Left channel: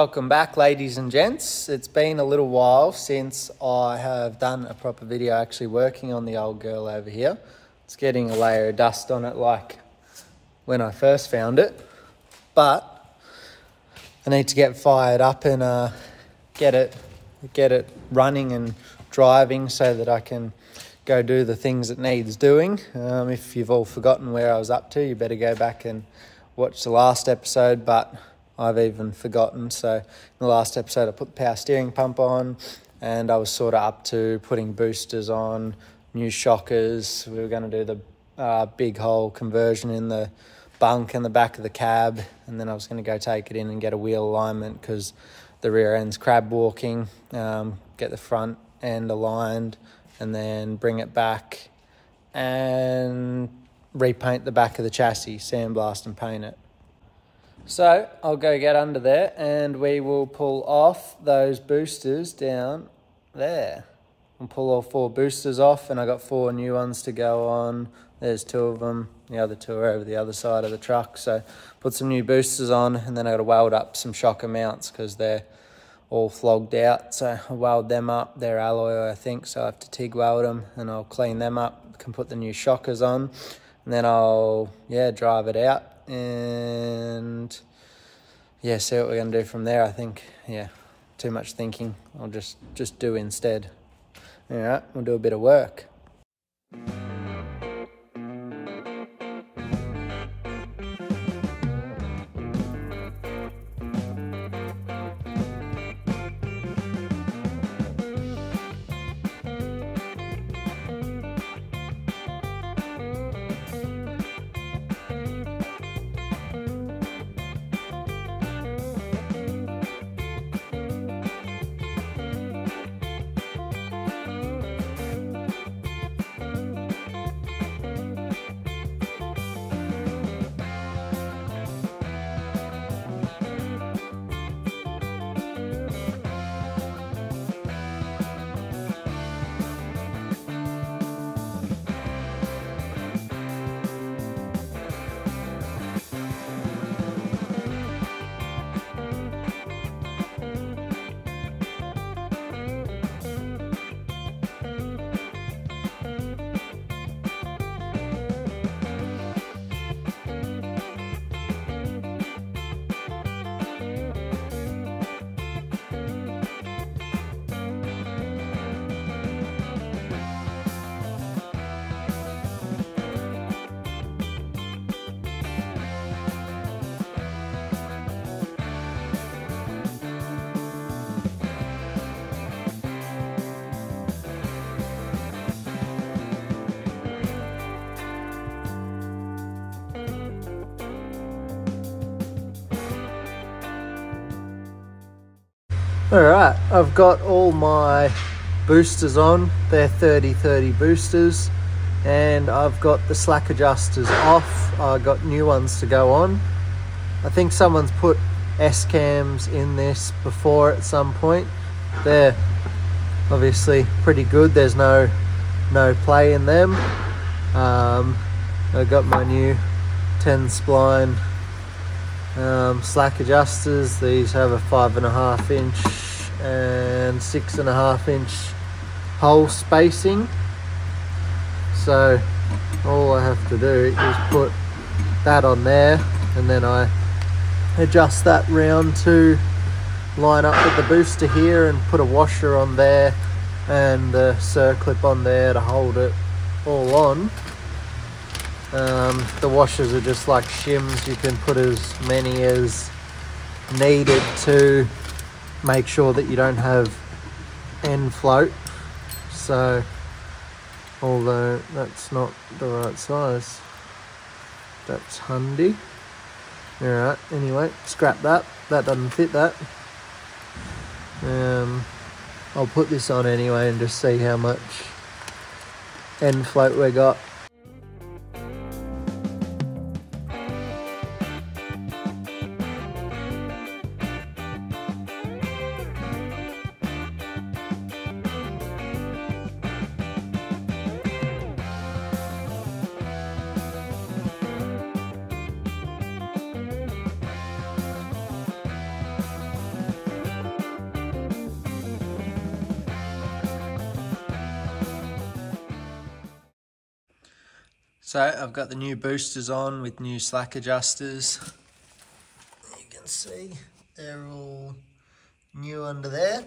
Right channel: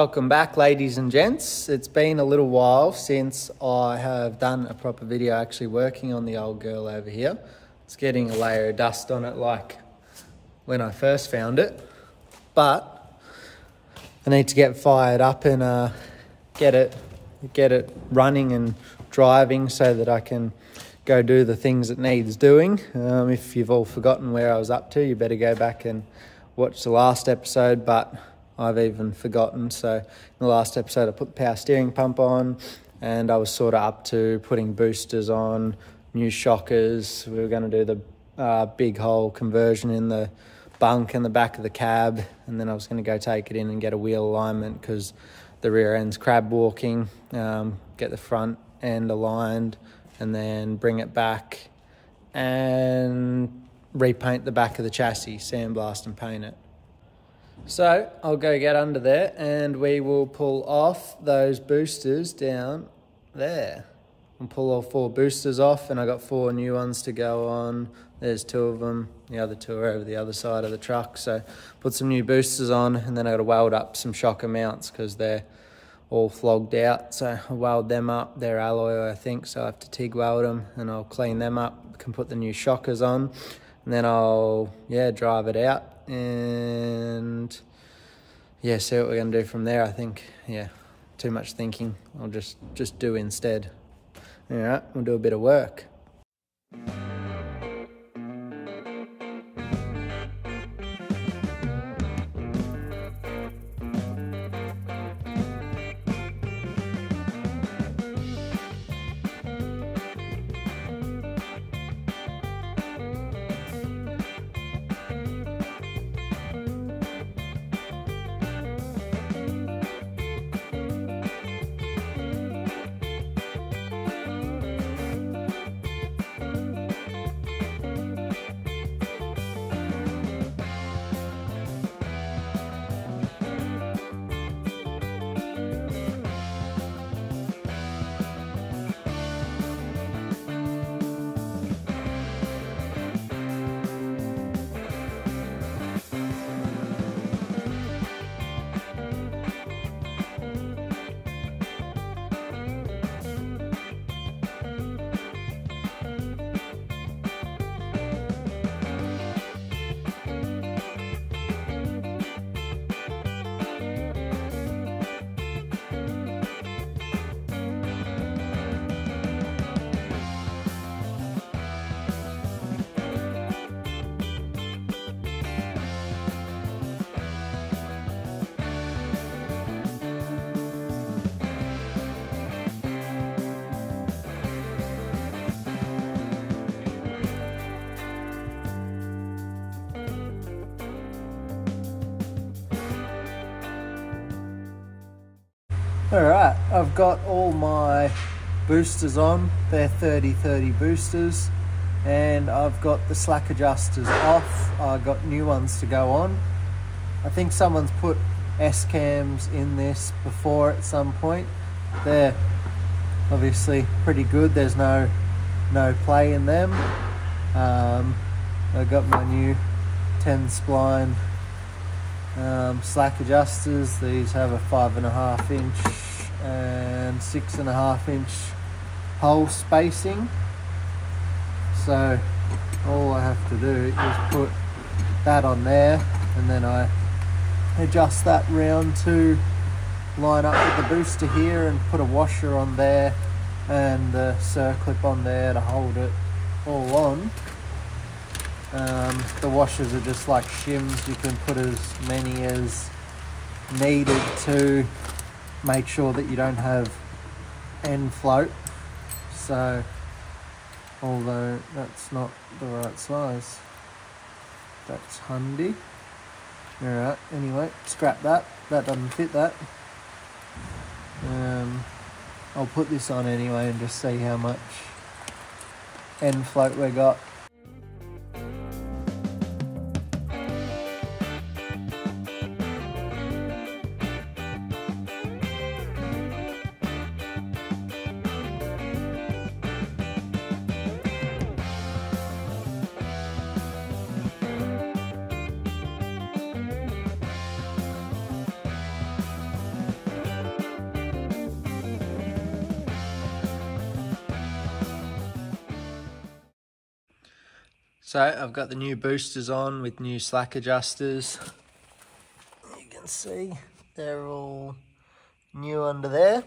Welcome back, ladies and gents. It's been a little while since I have done a proper video actually working on the old girl over here. It's getting a layer of dust on it like when I first found it, but I need to get fired up and get it running and driving so that I can go do the things it needs doing. If you've all forgotten where I was up to, you better go back and watch the last episode, but I've even forgotten. So in the last episode I put the power steering pump on and I was sort of up to putting boosters on, new shockers. We were going to do the big hole conversion in the bunk and the back of the cab, and then I was going to go take it in and get a wheel alignment because the rear end's crab walking, get the front end aligned and then bring it back and repaint the back of the chassis, sandblast and paint it. So I'll go get under there and we will pull off those boosters down there. I'll pull all 4 boosters off, and I got 4 new ones to go on. There's 2 of them. The other 2 are over the other side of the truck. So put some new boosters on, and then I got to weld up some shocker mounts because they're all flogged out. So I'll weld them up. They're alloy, I think, so I have to TIG weld them and I'll clean them up. Can put the new shockers on, and then I'll drive it out and see what we're going to do from there. I think too much thinking. I'll just do instead. All right, we'll do a bit of work. Alright, I've got all my boosters on. They're 30-30 boosters, and I've got the slack adjusters off. I've got new ones to go on. I think someone's put S-cams in this before at some point. They're obviously pretty good. There's no play in them. I've got my new 10 spline slack adjusters. These have a 5.5 inch and 6.5 inch hole spacing, so all I have to do is put that on there, and then I adjust that round to line up with the booster here, and put a washer on there and the circlip on there to hold it all on. The washers are just like shims. You can put as many as needed to make sure that you don't have end float. So, although that's not the right size, that's handy. Alright, anyway, scrap that. That doesn't fit that. I'll put this on anyway and just see how much end float we got. So I've got the new boosters on with new slack adjusters. You can see they're all new under there.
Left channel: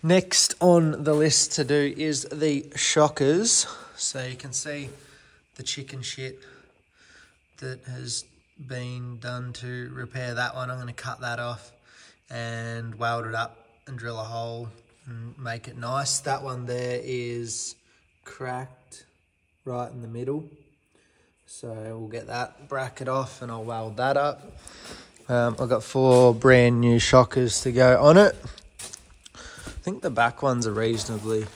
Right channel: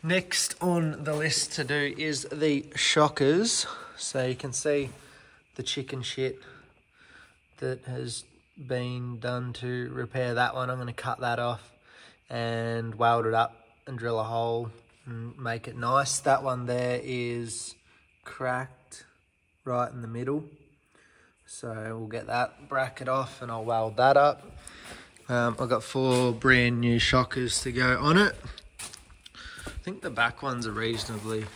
Next on the list to do is the shockers. So you can see the chicken shit that has been done to repair that one. I'm going to cut that off and weld it up and drill a hole and make it nice. That one there is cracked right in the middle, so we'll get that bracket off and I'll weld that up. I've got 4 brand new shockers to go on it. I think the back ones are reasonably,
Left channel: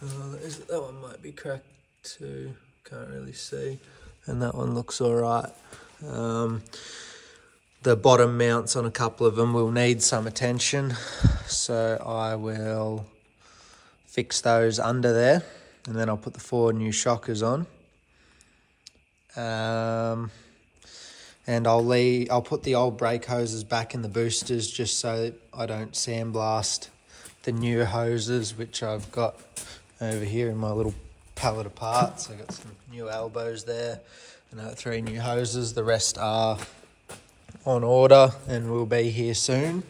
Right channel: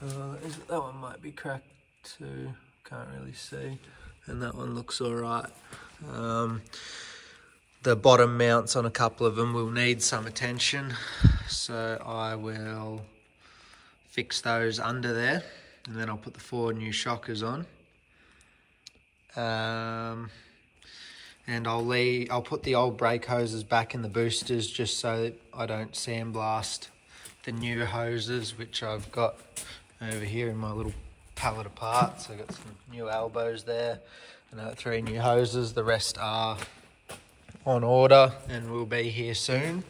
that one might be cracked too, can't really see, and that one looks all right. The bottom mounts on a couple of them will need some attention, so I will fix those under there, and then I'll put the 4 new shockers on. And I'll put the old brake hoses back in the boosters just so that I don't sandblast the new hoses, which I've got over here in my little pallet of parts. I've got some new elbows there, and I've got 3 new hoses. The rest are on order and will be here soon,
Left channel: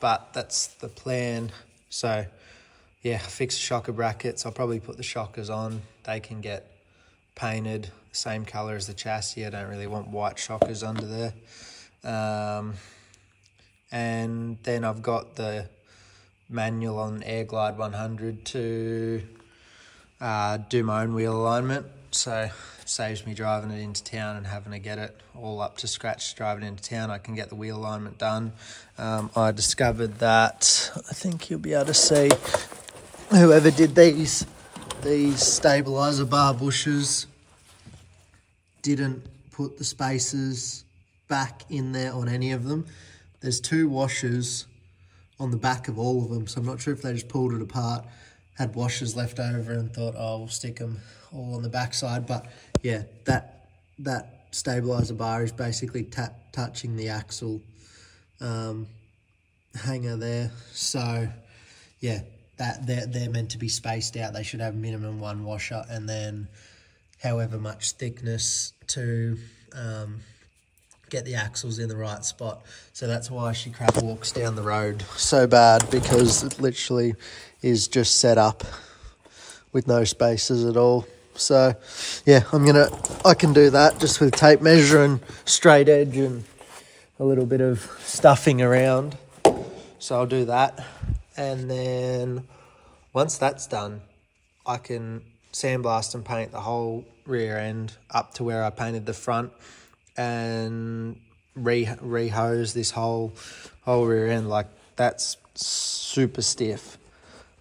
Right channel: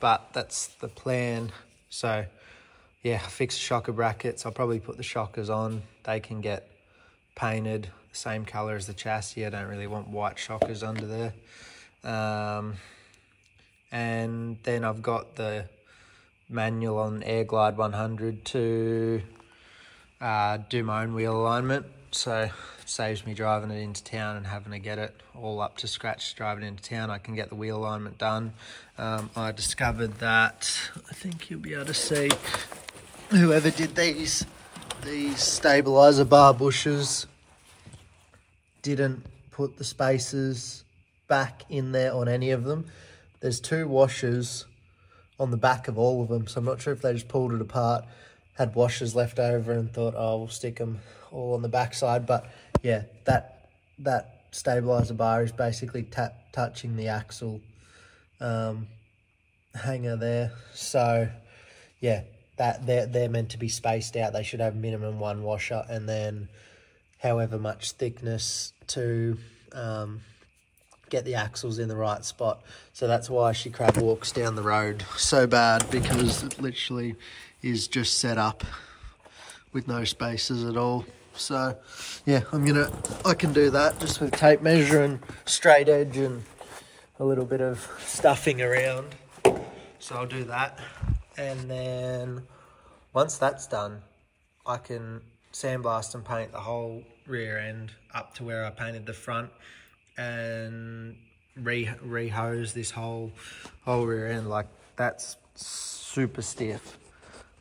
but that's the plan. So yeah, I fixed the shocker brackets. I'll probably put the shockers on. They can get painted the same colour as the chassis. I don't really want white shockers under there. And then I've got the manual on Air Glide 100 to do my own wheel alignment. So it saves me driving it into town and having to get it all up to scratch driving into town. I can get the wheel alignment done. I discovered that, I think you'll be able to see, whoever did these stabilizer bar bushes didn't put the spacers back in there on any of them. There's 2 washers on the back of all of them, so I'm not sure if they just pulled it apart, had washers left over and thought, oh, we'll stick them all on the back side. But yeah, that stabilizer bar is basically touching the axle hanger there. So yeah, that they're meant to be spaced out. They should have minimum 1 washer and then however much thickness to get the axles in the right spot. So that's why she crap walks down the road so bad, because it literally is just set up with no spacers at all. So yeah, I can do that just with tape measure and straight edge and a little bit of stuffing around. So I'll do that, and then once that's done, I can sandblast and paint the whole rear end up to where I painted the front, and re-hose this whole rear end. Like, that's super stiff.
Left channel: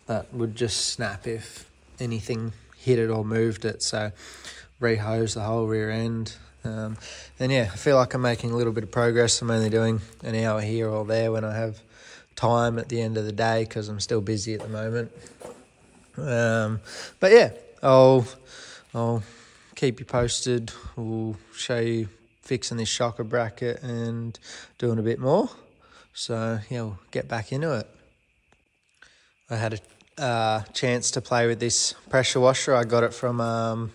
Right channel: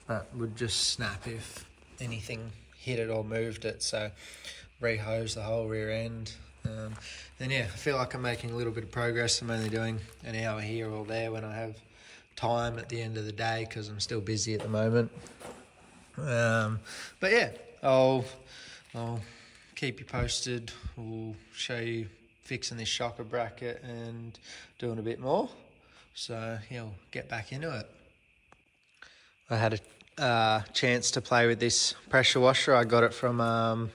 That would just snap if anything hit it or moved it. So re-hose the whole rear end. And yeah, I feel like I'm making a little bit of progress. I'm only doing an hour here or there when I have time at the end of the day, because I'm still busy at the moment. But yeah, I'll keep you posted. We'll show you fixing this shocker bracket and doing a bit more. So yeah, we'll get back into it. I had a chance to play with this pressure washer. I got it from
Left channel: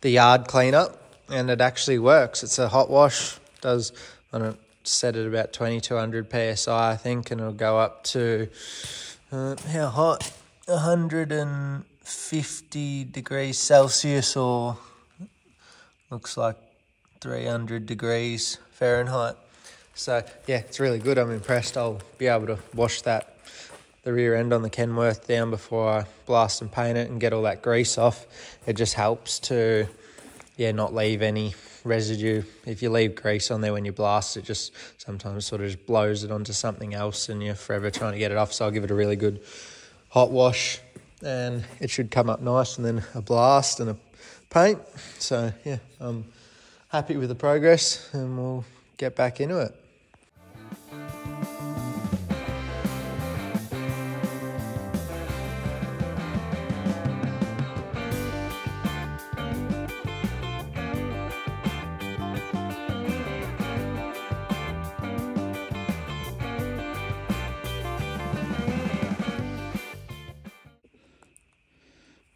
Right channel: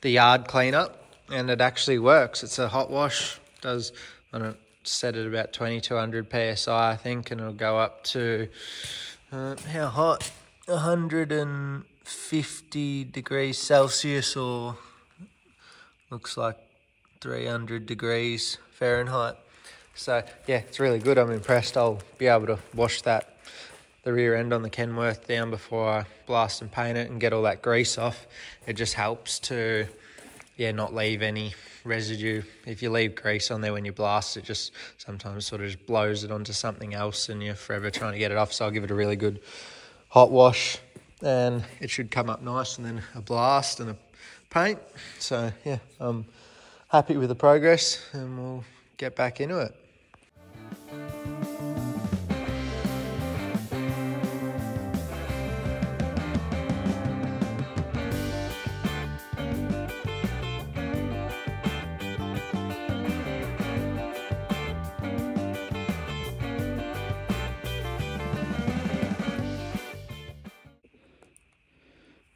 the yard cleanup, and it actually works. It's a hot wash. Does, I don't set it about 2200 PSI, I think, and it'll go up to how hot? 150 degrees Celsius, or looks like 300 degrees Fahrenheit. So yeah, it's really good. I'm impressed. I'll be able to wash the rear end on the Kenworth down before I blast and paint it and get all that grease off. It just helps to, yeah, not leave any residue. If you leave grease on there when you blast, it just sometimes sort of just blows it onto something else and you're forever trying to get it off. So I'll give it a really good hot wash and it should come up nice, and then a blast and a paint. So yeah, I'm happy with the progress, and we'll get back into it.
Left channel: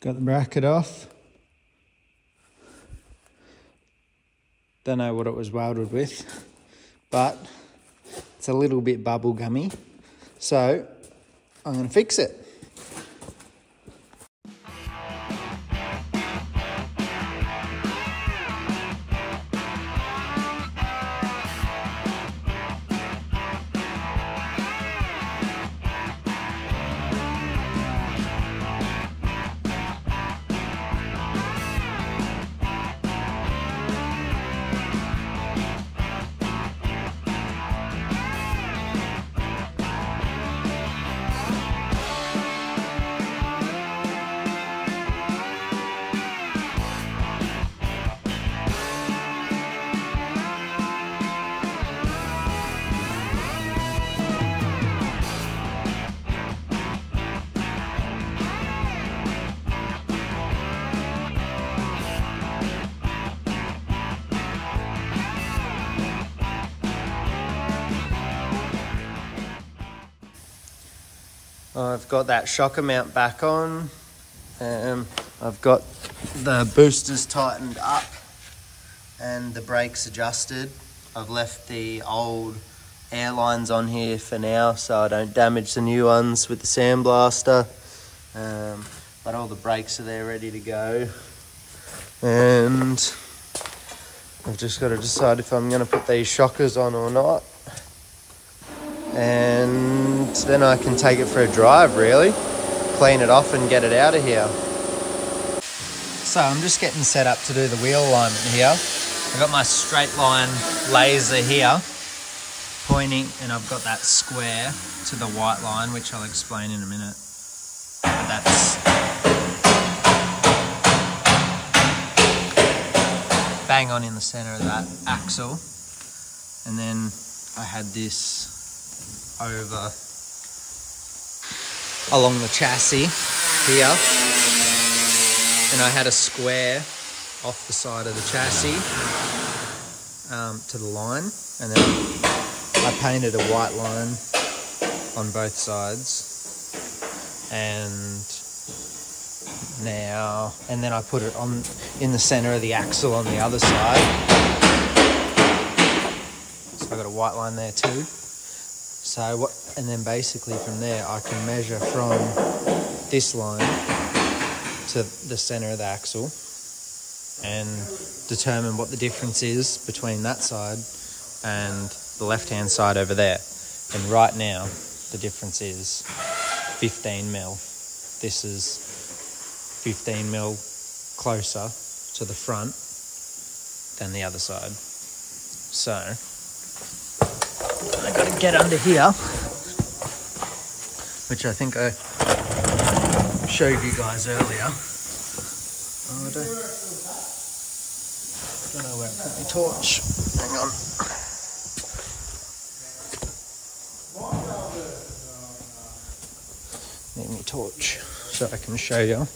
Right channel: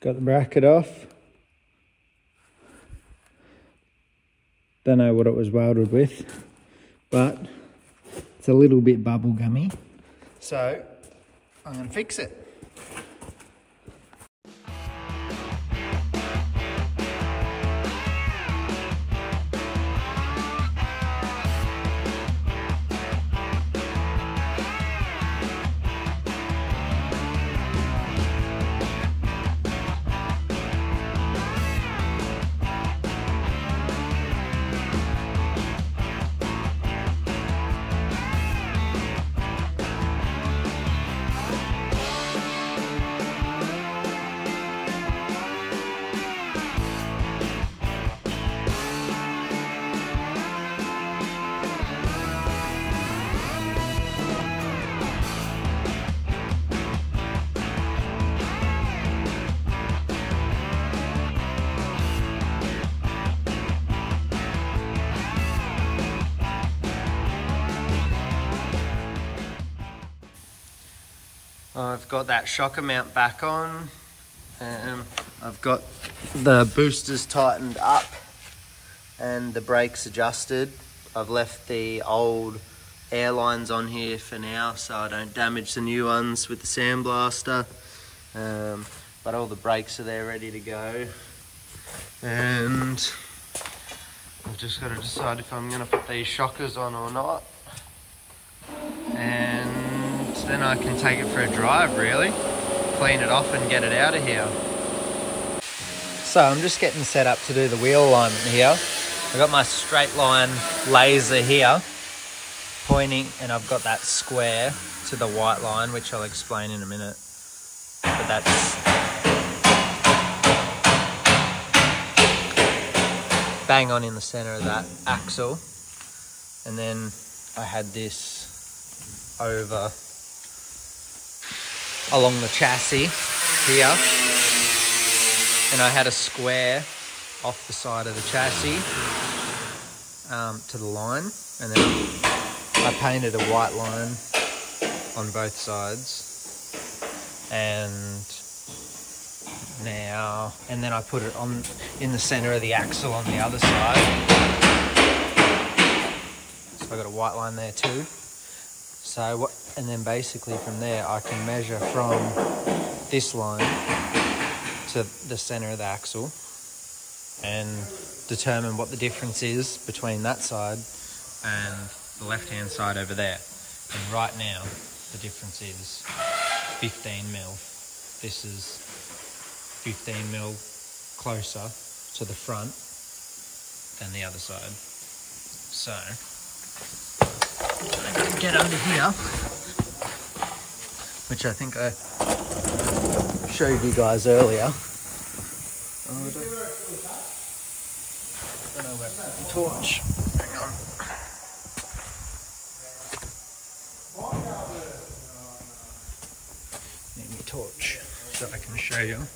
Got the bracket off. Don't know what it was welded with, but it's a little bit bubble gummy. So I'm going to fix it. I've got that shocker mount back on, and I've got the boosters tightened up and the brakes adjusted. I've left the old air lines on here for now so I don't damage the new ones with the sandblaster, but all the brakes are there ready to go, and I've just got to decide if I'm going to put these shockers on or not. And then I can take it for a drive, really. Clean it off and get it out of here. So I'm just getting set up to do the wheel alignment here. I've got my straight line laser here pointing, and I've got that square to the white line, which I'll explain in a minute. But that's bang on in the center of that axle. And then I had this over along the chassis here, and I had a square off the side of the chassis to the line, and then I painted a white line on both sides, and then I put it on in the center of the axle on the other side. So I got a white line there too. So and then basically from there I can measure from this line to the center of the axle and determine what the difference is between that side and the left hand side over there. And right now the difference is 15 mil. This is 15 mil closer to the front than the other side. So I gotta get under here, which I think I showed you guys earlier. Oh, I don't know where I put my torch. Hang on. Need my torch so I can show you.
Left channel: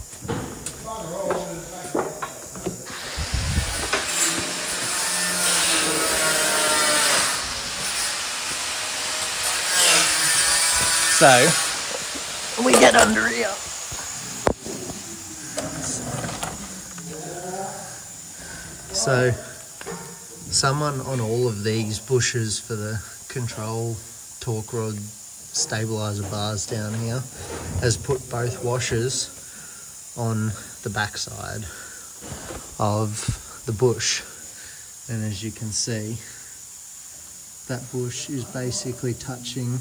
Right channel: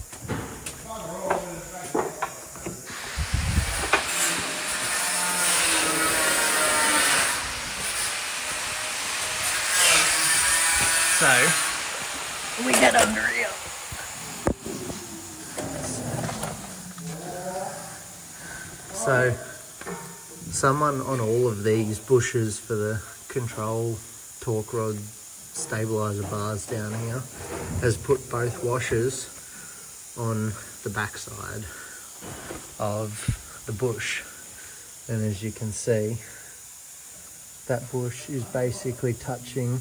So we get under here. So someone on all of these bushes for the control torque rod stabilizer bars down here has put both washers on the backside of the bush, and as you can see, that bush is basically touching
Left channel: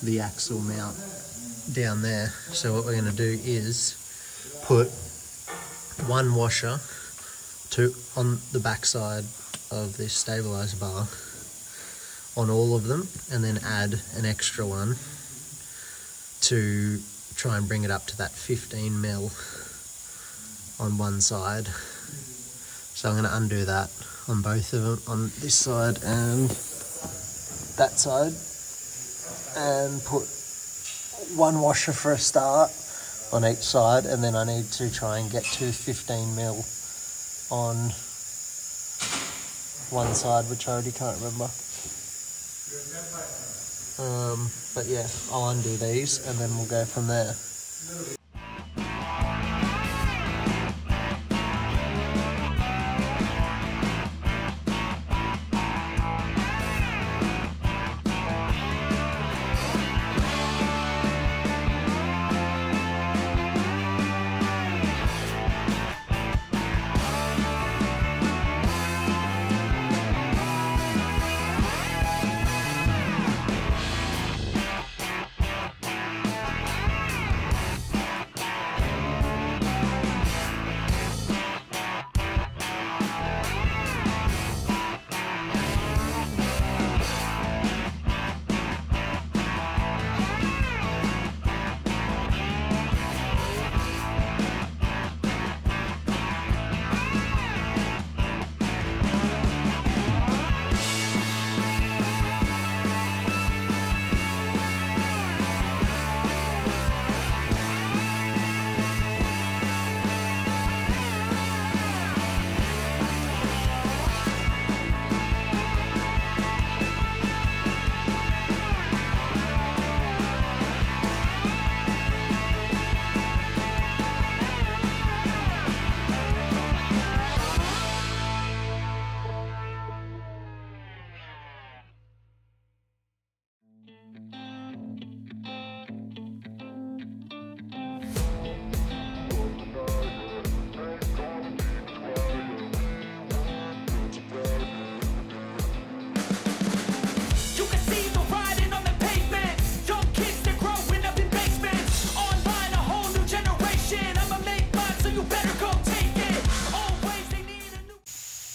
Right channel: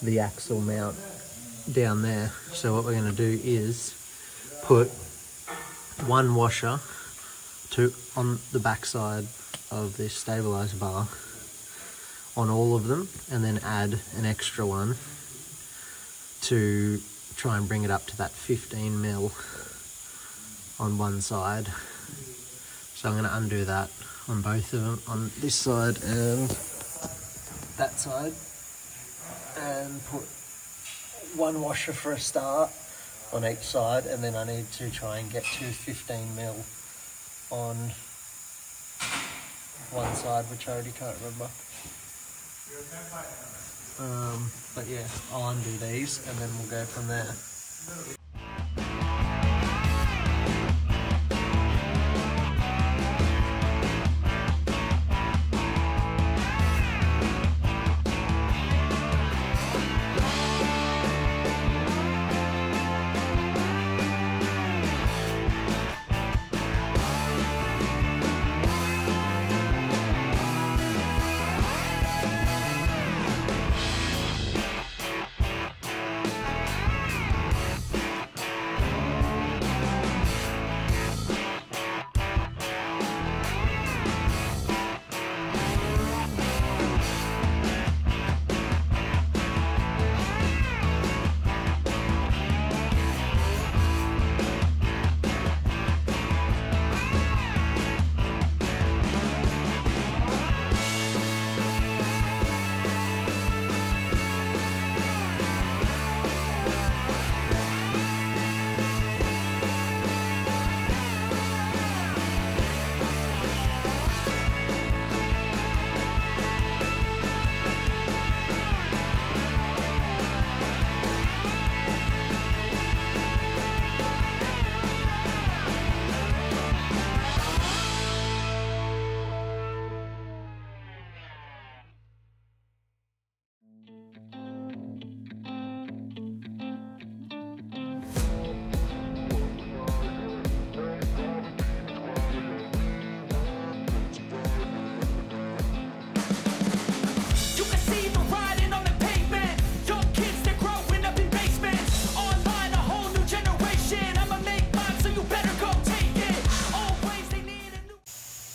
the axle mount down there. So what we're going to do is put one washer on the backside of this stabilizer bar on all of them, and then add an extra one to try and bring it up to that 15 mil on one side. So I'm going to undo that on both of them, on this side and that side, and put one washer for a start on each side, and then I need to try and get to 15 mil on one side, which I already can't remember. But yeah, I'll undo these and then we'll go from there.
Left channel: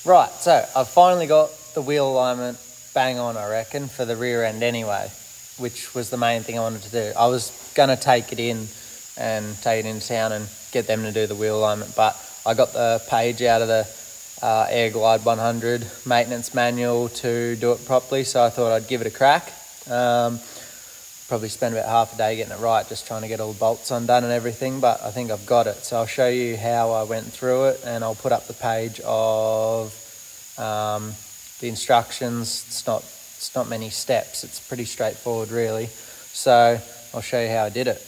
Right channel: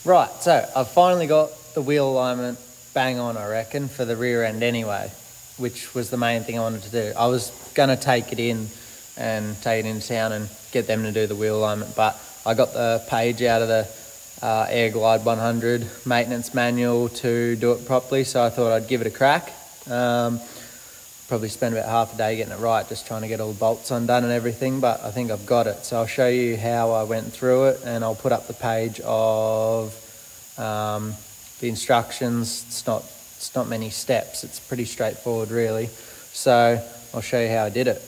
Right, so I've finally got the wheel alignment bang on, I reckon, for the rear end anyway, which was the main thing I wanted to do. I was going to take it in and take it into town and get them to do the wheel alignment, but I got the page out of the Air Glide 100 maintenance manual to do it properly, so I thought I'd give it a crack. Probably spend about half a day getting it right, just trying to get all the bolts undone and everything, but I think I've got it. So I'll show you how I went through it, and I'll put up the page of the instructions. It's not many steps. It's pretty straightforward, really. So I'll show you how I did it.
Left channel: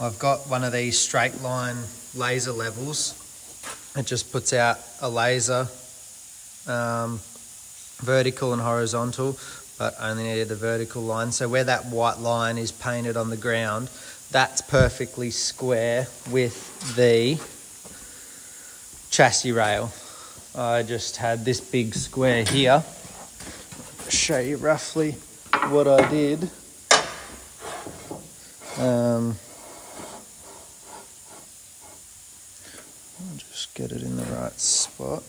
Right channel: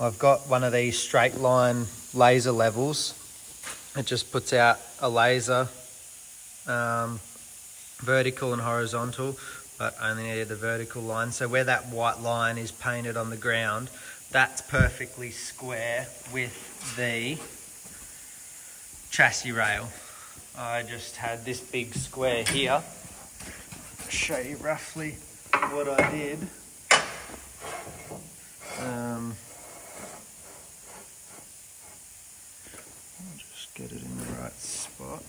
I've got one of these straight line laser levels. It just puts out a laser, vertical and horizontal, but only needed the vertical line. So where that white line is painted on the ground, that's perfectly square with the chassis rail. I just had this big square here. I'll show you roughly what I did. I'll just get it in the right spot.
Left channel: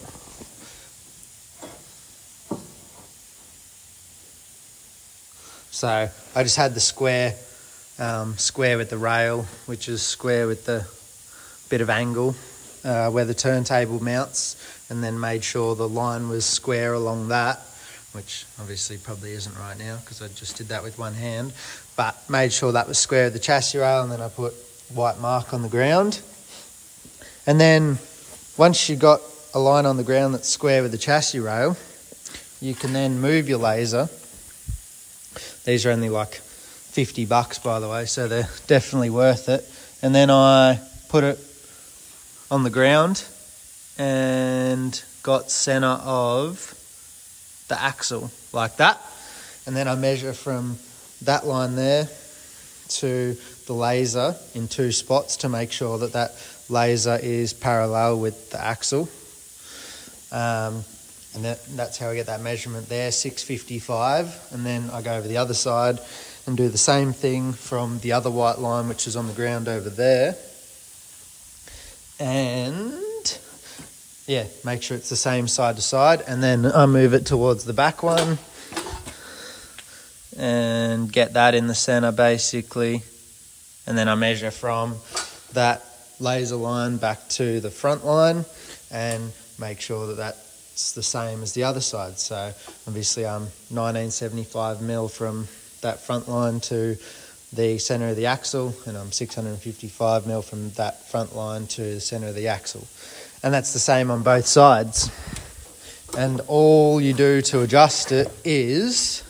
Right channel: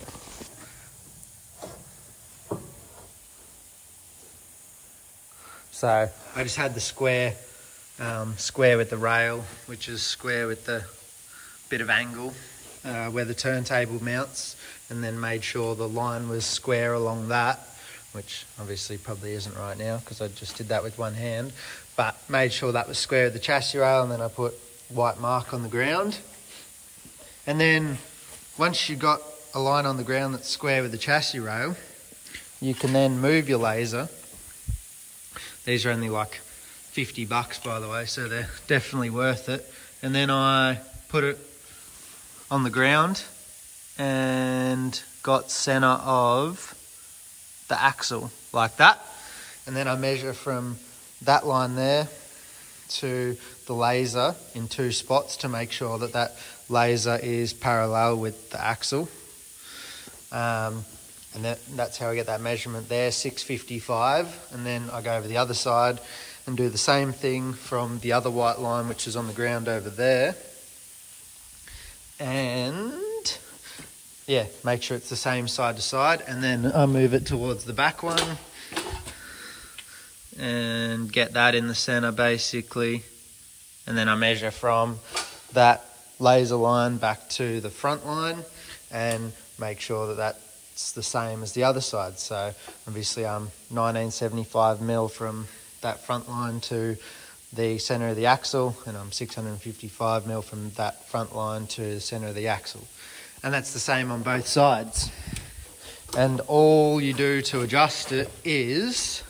So I just had the square with the rail, which is square with the bit of angle where the turntable mounts, and then made sure the line was square along that, which obviously probably isn't right now because I just did that with one hand, but made sure that was square with the chassis rail, and then I put white mark on the ground. And then once you've got a line on the ground that's square with the chassis rail, you can then move your laser. These are only like $50, by the way, so they're definitely worth it. And then I put it on the ground and got center of the axle like that. And then I measure from that line there to the laser in 2 spots to make sure that that laser is parallel with the axle. And that's how I get that measurement there, 655. And then I go over the other side and do the same thing from the other white line, which is on the ground over there. And yeah, make sure it's the same side to side. And then I move it towards the back one and get that in the center basically. And then I measure from that laser line back to the front line and make sure that that's the same as the other side. So obviously I'm 1975 mil from that front line to the center of the axle, and I'm 655 mil from that front line to the center of the axle. And that's the same on both sides. And all you do to adjust it is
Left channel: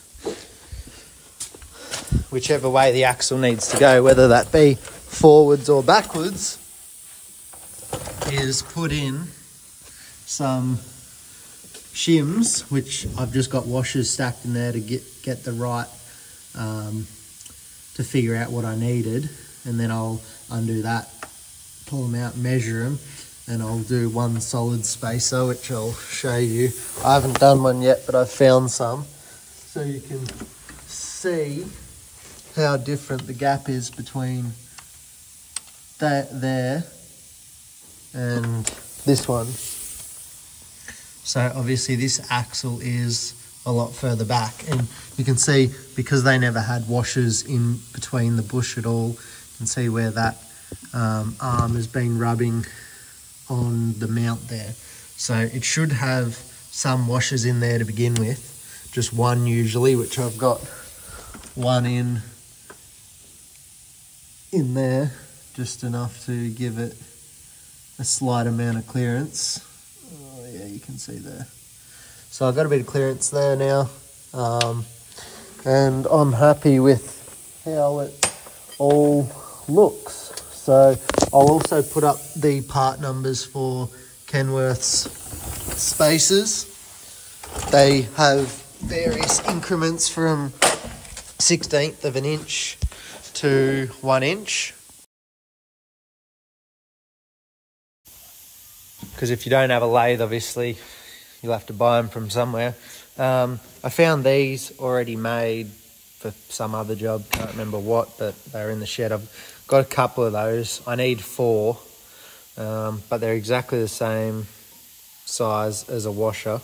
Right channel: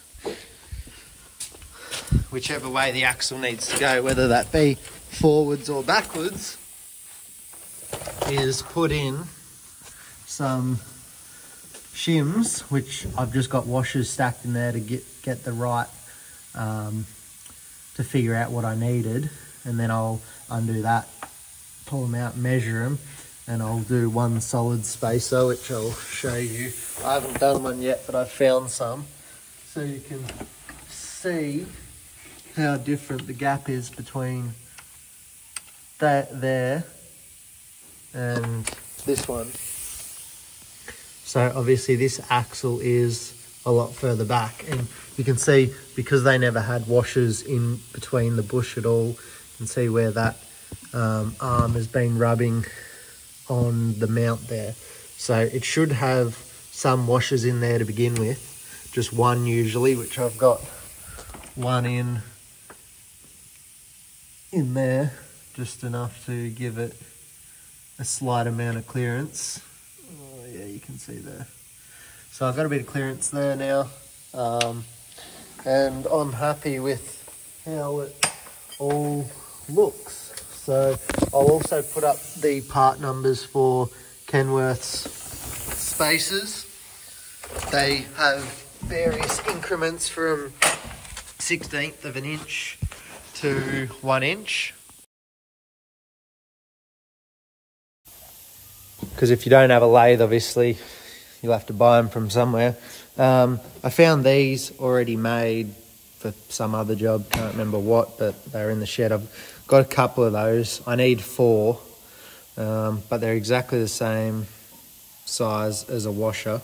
whichever way the axle needs to go, whether that be forwards or backwards, is put in some shims, which I've just got washers stacked in there to get the right, to figure out what I needed. And then I'll undo that, pull them out, measure them, and I'll do one solid spacer, which I'll show you. I haven't done one yet, but I've found some. So you can see how different the gap is between that there and this one. So obviously this axle is a lot further back, and you can see because they never had washers in between the bush at all, you can see where that arm has been rubbing on the mount there. So it should have some washers in there to begin with, just one usually, which I've got one in there, just enough to give it a slight amount of clearance. Oh yeah, you can see there. So I've got a bit of clearance there now, and I'm happy with how it all looks. So I'll also put up the part numbers for Kenworth's spacers. They have various increments from 1/16 of an inch to 1 inch. Because if you don't have a lathe, obviously, you'll have to buy them from somewhere. I found these already made for some other job, can't remember what, but they're in the shed. I've got a couple of those. I need 4. but they're exactly the same size as a washer,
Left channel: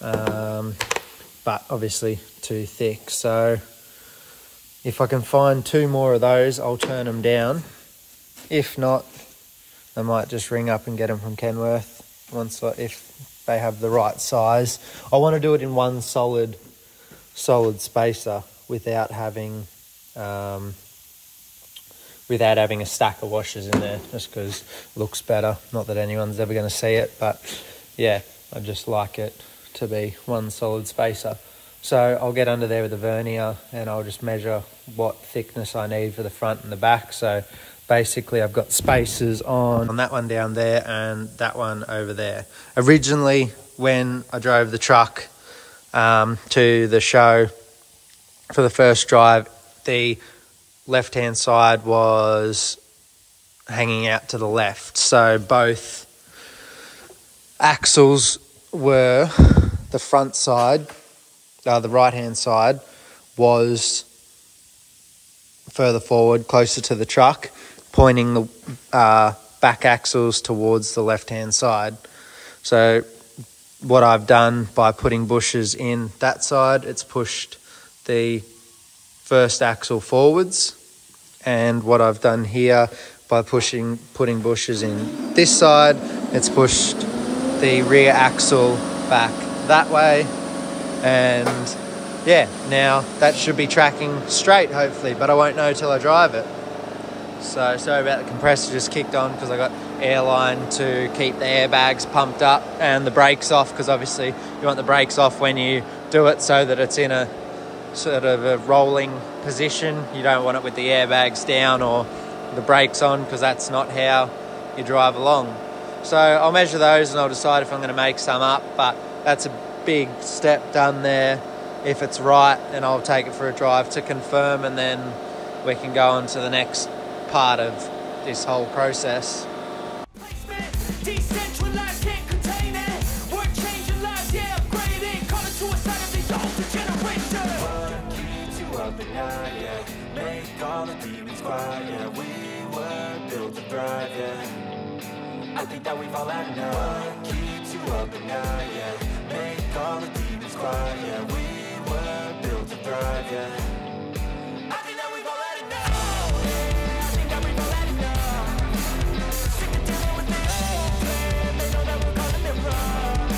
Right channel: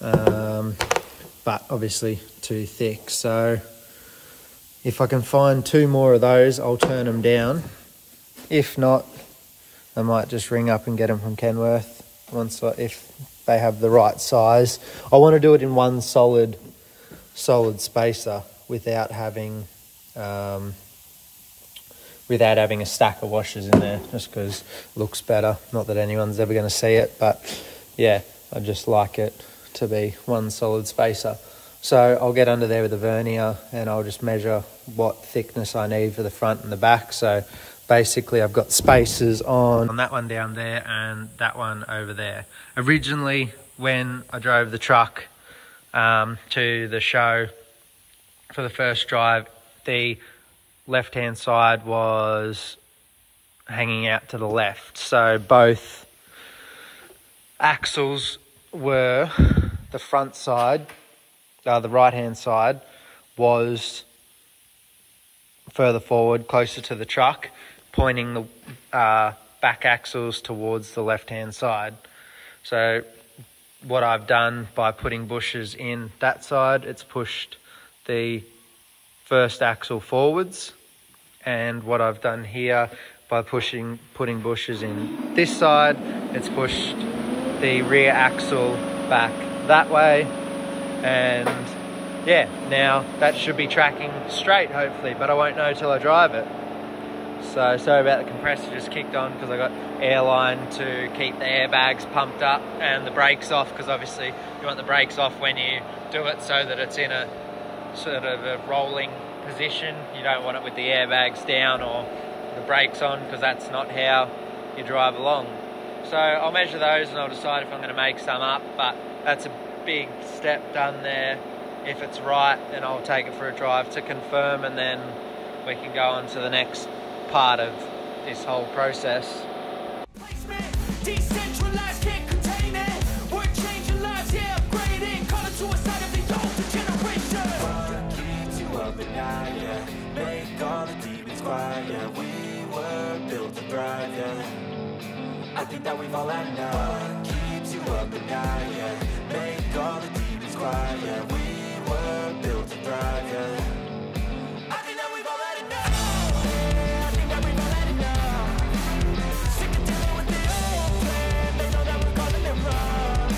but obviously too thick. So if I can find 2 more of those, I'll turn them down. If not, I might just ring up and get them from Kenworth if they have the right size. I want to do it in one solid spacer without having a stack of washers in there, just because it looks better. Not that anyone's ever going to see it, but yeah, I just like it to be one solid spacer. So I'll get under there with a vernier and I'll just measure what thickness I need for the front and the back. So basically I've got spacers on that one down there and that one over there. Originally, when I drove the truck to the show for the first drive, the left-hand side was hanging out to the left. So both axles were, the front side, the right-hand side was further forward, closer to the truck, pointing the back axles towards the left-hand side. So what I've done by putting bushes in that side, it's pushed the first axle forwards, and what I've done here by putting bushes in this side, it's pushed the rear axle back that way, and yeah, now that should be tracking straight hopefully, but I won't know till I drive it. So sorry about the compressor just kicked on because I got airline to keep the airbags pumped up and the brakes off, because obviously you want the brakes off when you do it so that it's in a sort of a rolling position. You don't want it with the airbags down or the brakes on, because that's not how you drive along. So I'll measure those and I'll decide if I'm going to make some up, but that's a big step done there. If it's right, then I'll take it for a drive to confirm, and then we can go on to the next part of this whole process. Decentralized, can't contain it. We're changing lives, yeah, upgrading. Call it suicide of the older generation. What keeps you up at night, yeah? Make all the demons quiet, yeah. We were built to thrive, yeah. I think that we've all had enough. What keeps you up at night, yeah? Make all the demons quiet, yeah. We were built to thrive, yeah. I think that we've all had enough. Yeah, I think that we've all had enough. Sick of dealing with the old plan. They know that we're calling it wrong.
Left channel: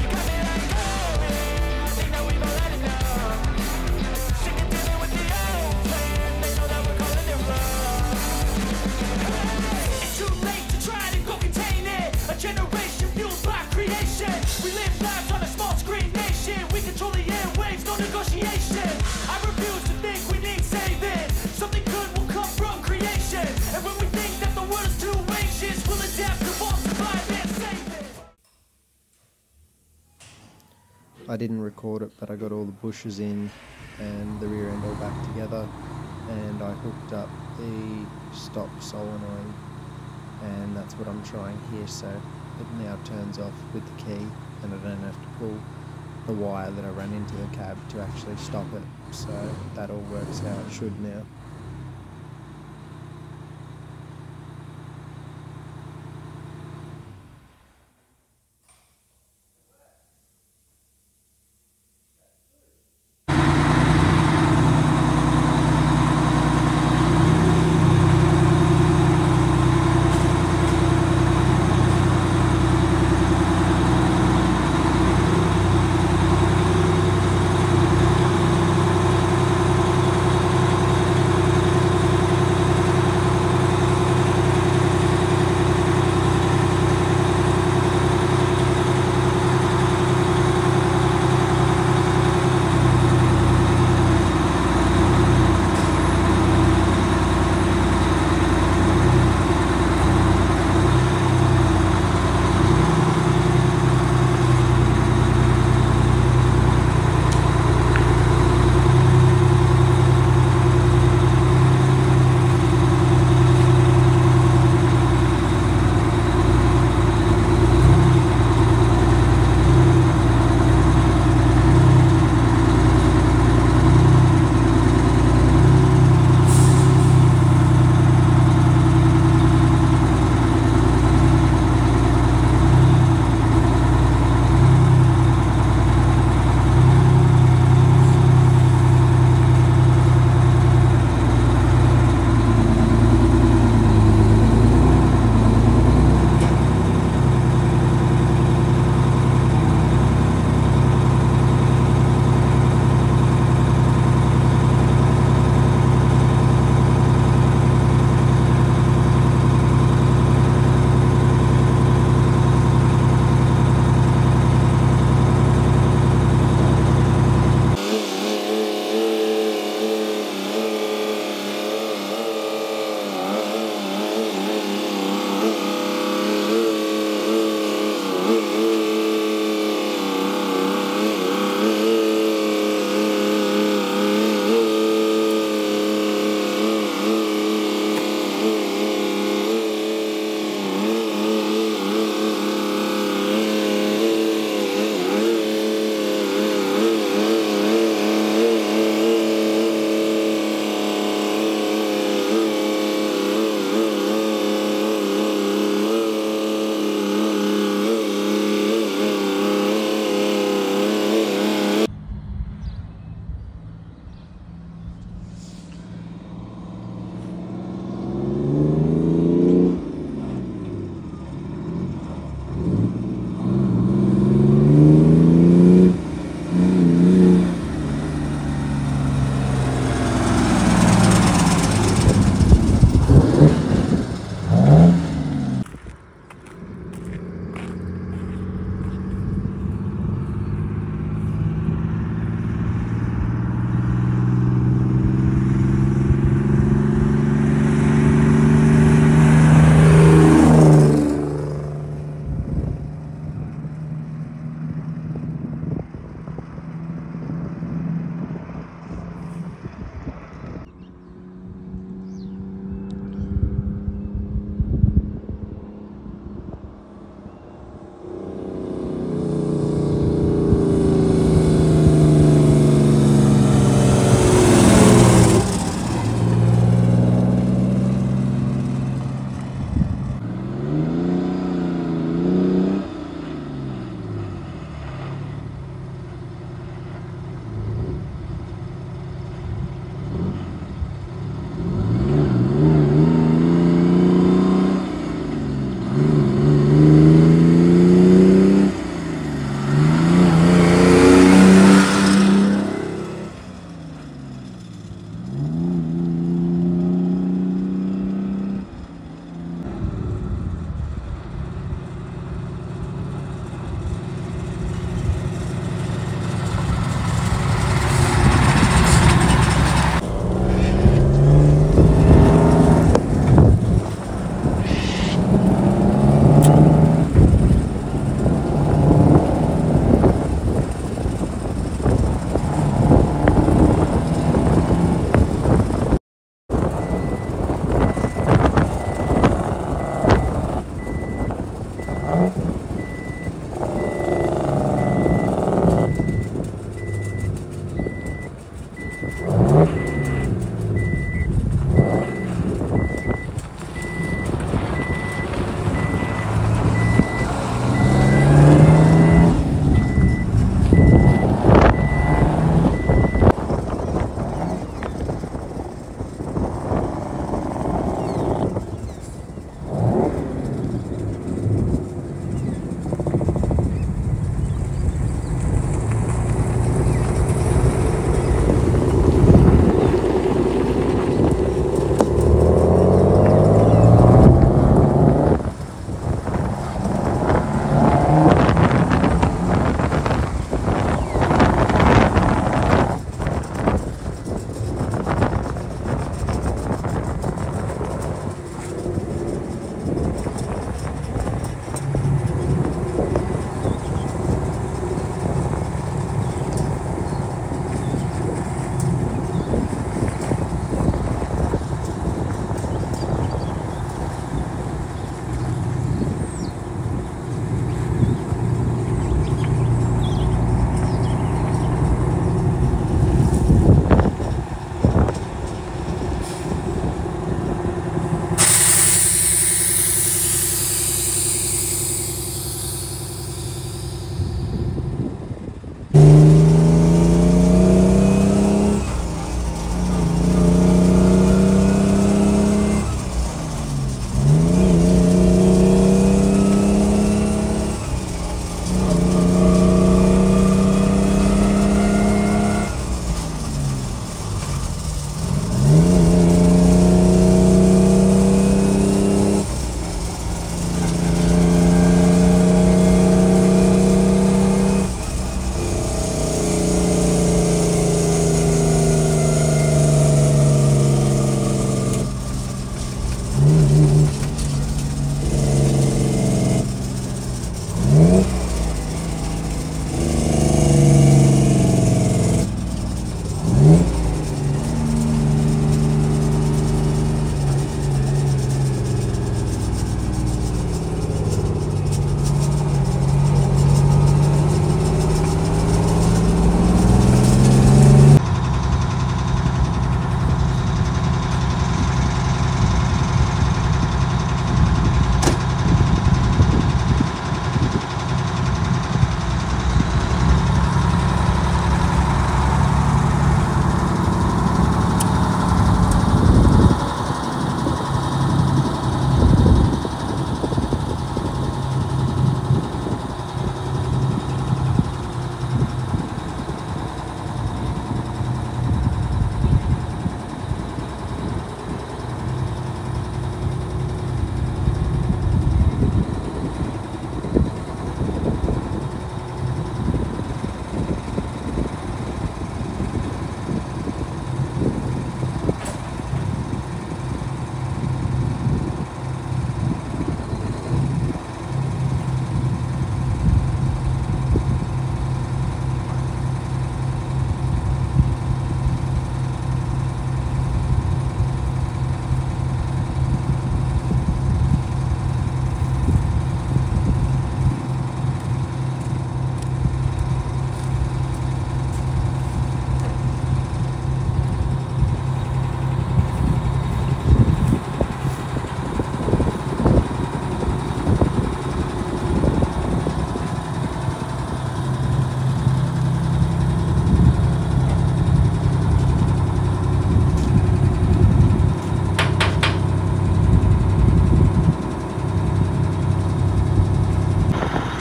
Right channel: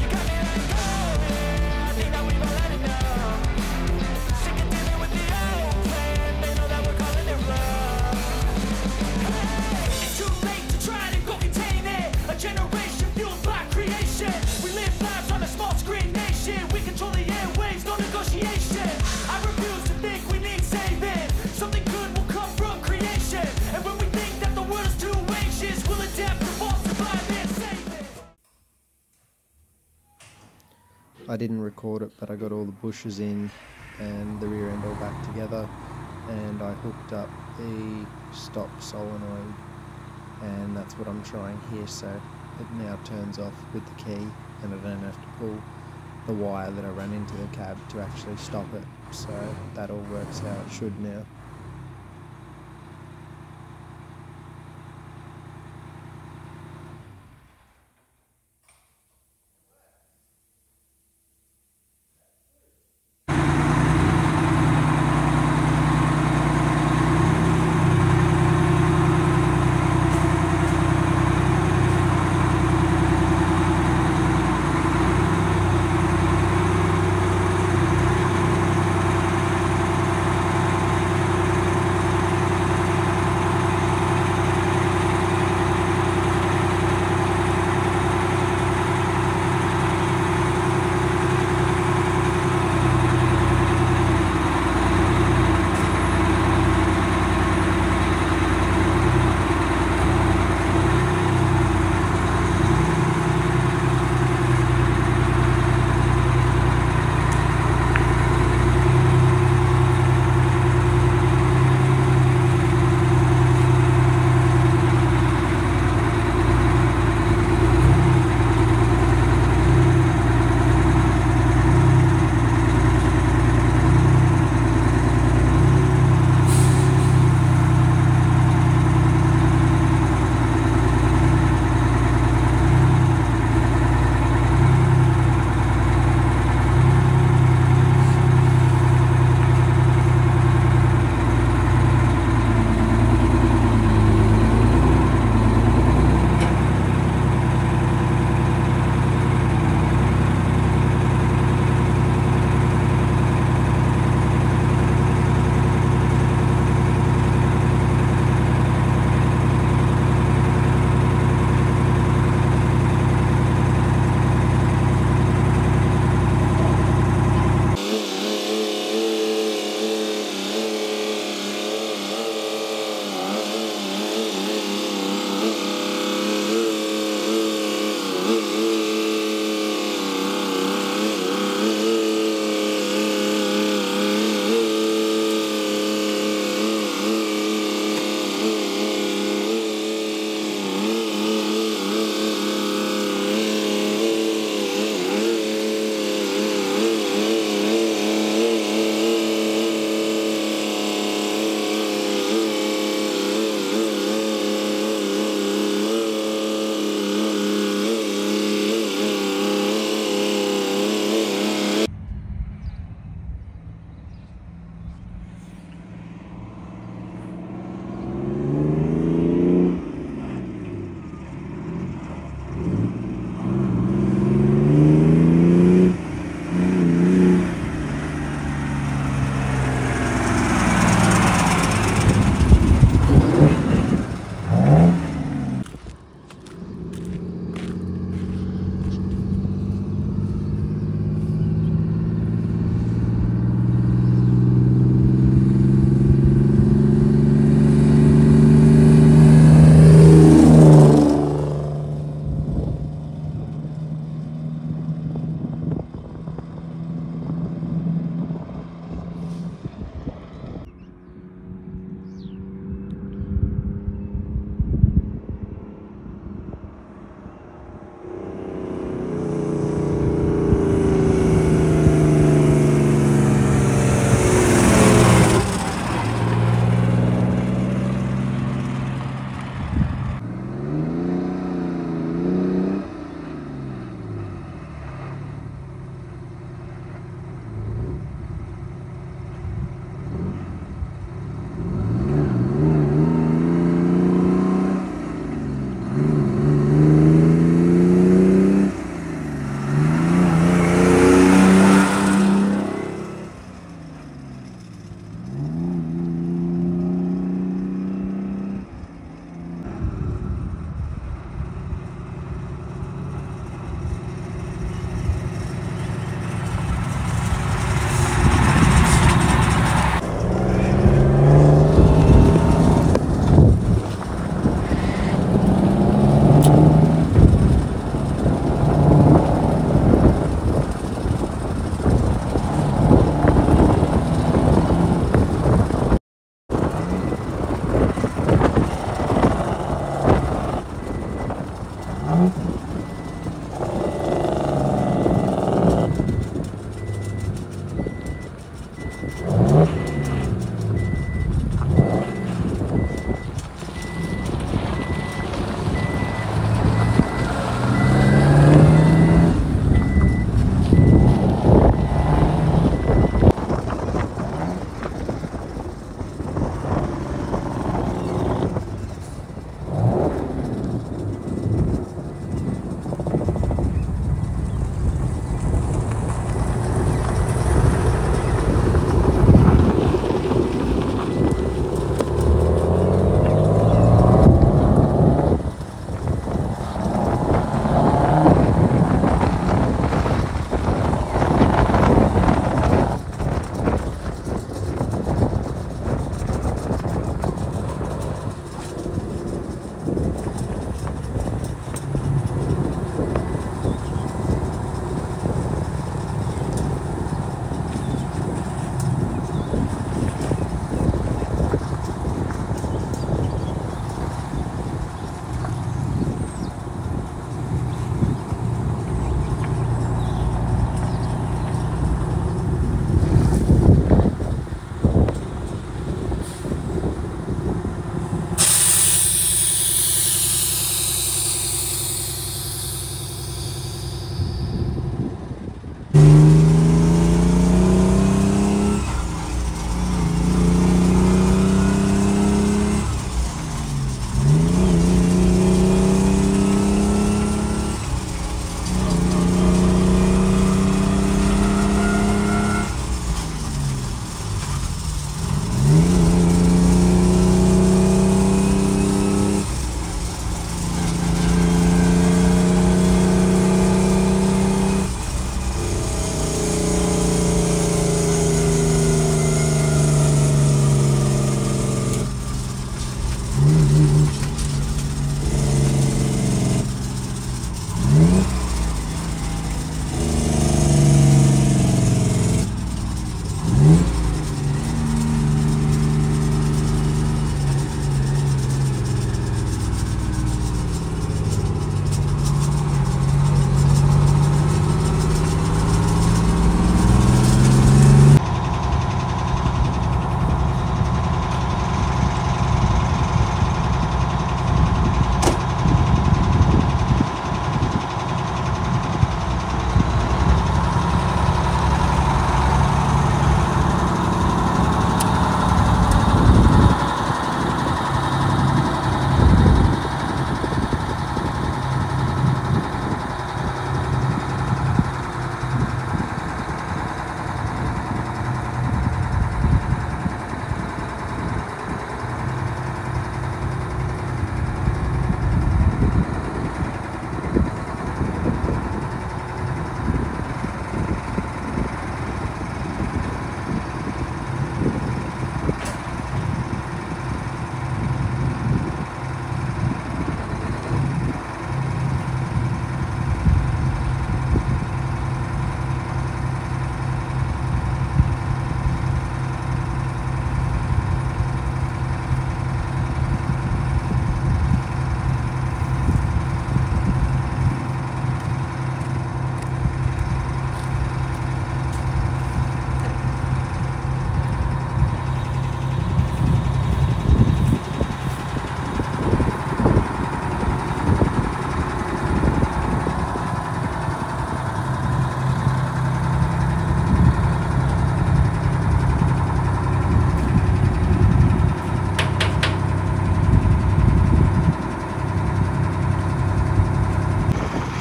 You got me like, oh yeah, I think that we've all had enough. Sick of dealing with the old plan. They know that we're calling it wrong. Hey, it's too late to try to go contain it. A generation fueled by creation. We live lives on a small screen nation. We control the airwaves, no negotiation. I refuse to think we need saving. Something good will come from creation. And when we think that the world is too anxious, we'll adapt, evolve, survive, and save it. I didn't record it, but I got all the bushes in and the rear end all back together, and I hooked up the stop solenoid, and that's what I'm trying here. So it now turns off with the key, and I don't have to pull the wire that I ran into the cab to actually stop it. So that all works how it should now.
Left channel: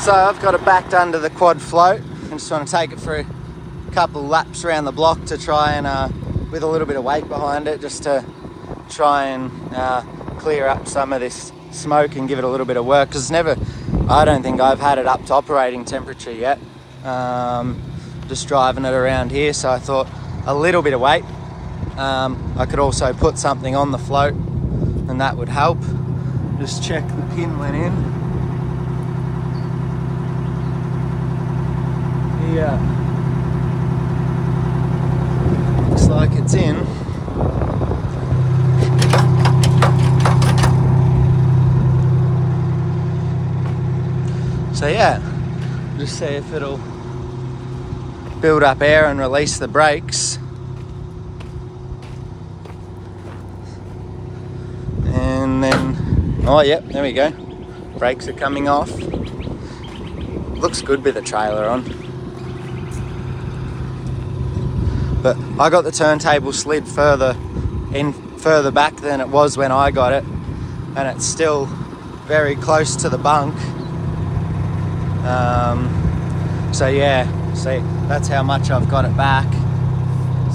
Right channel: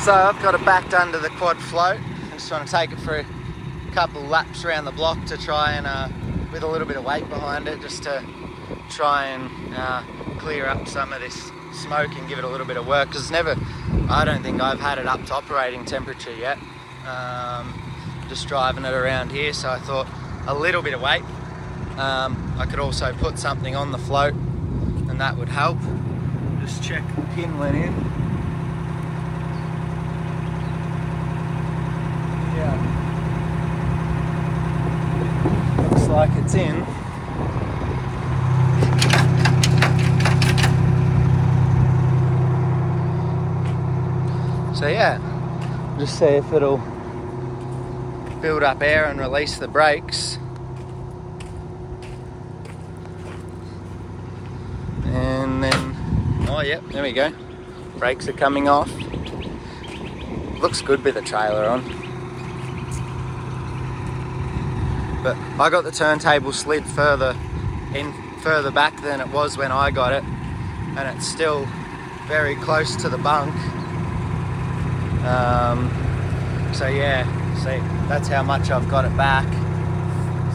So I've got it backed under the quad float. I just want to take it for a couple laps around the block to try and, with a little bit of weight behind it, just to try and clear up some of this smoke and give it a little bit of work. Because I don't think I've had it up to operating temperature yet. Just driving it around here, so I thought a little bit of weight. I could also put something on the float and that would help. Just check the pin went in. Yeah. Looks like it's in. So yeah, just see if it'll build up air and release the brakes. And then, oh yeah, there we go. Brakes are coming off. Looks good with the trailer on. But I got the turntable slid further back than it was when I got it. And it's still very close to the bunk. So yeah, see, that's how much I've got it back.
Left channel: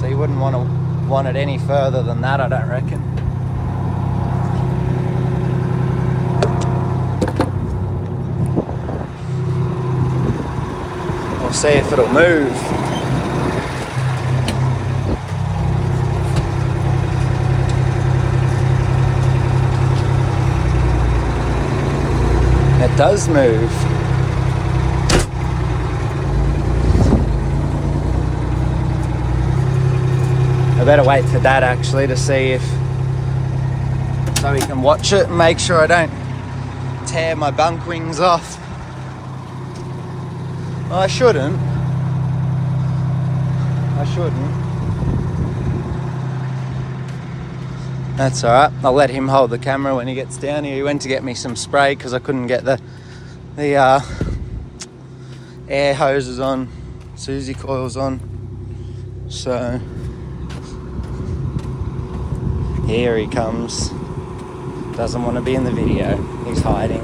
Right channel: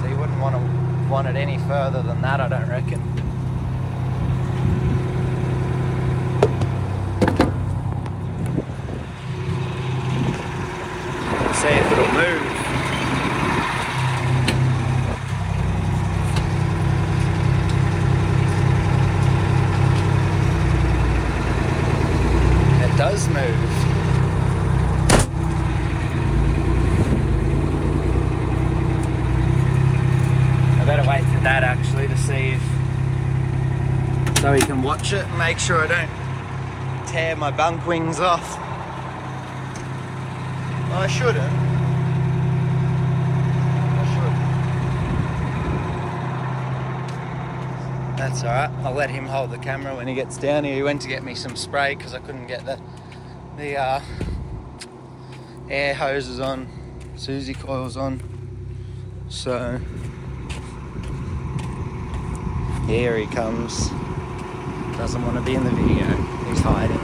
So you wouldn't want it any further than that, I don't reckon. We'll see if it'll move. It does move. I better wait for Dad actually to see if, so he can watch it and make sure I don't tear my bunk wings off. Well, I shouldn't. That's alright. I'll let him hold the camera when he gets down here. He went to get me some spray because I couldn't get the air hoses on, Susie coils on. So here he comes. Doesn't want to be in the video. He's hiding.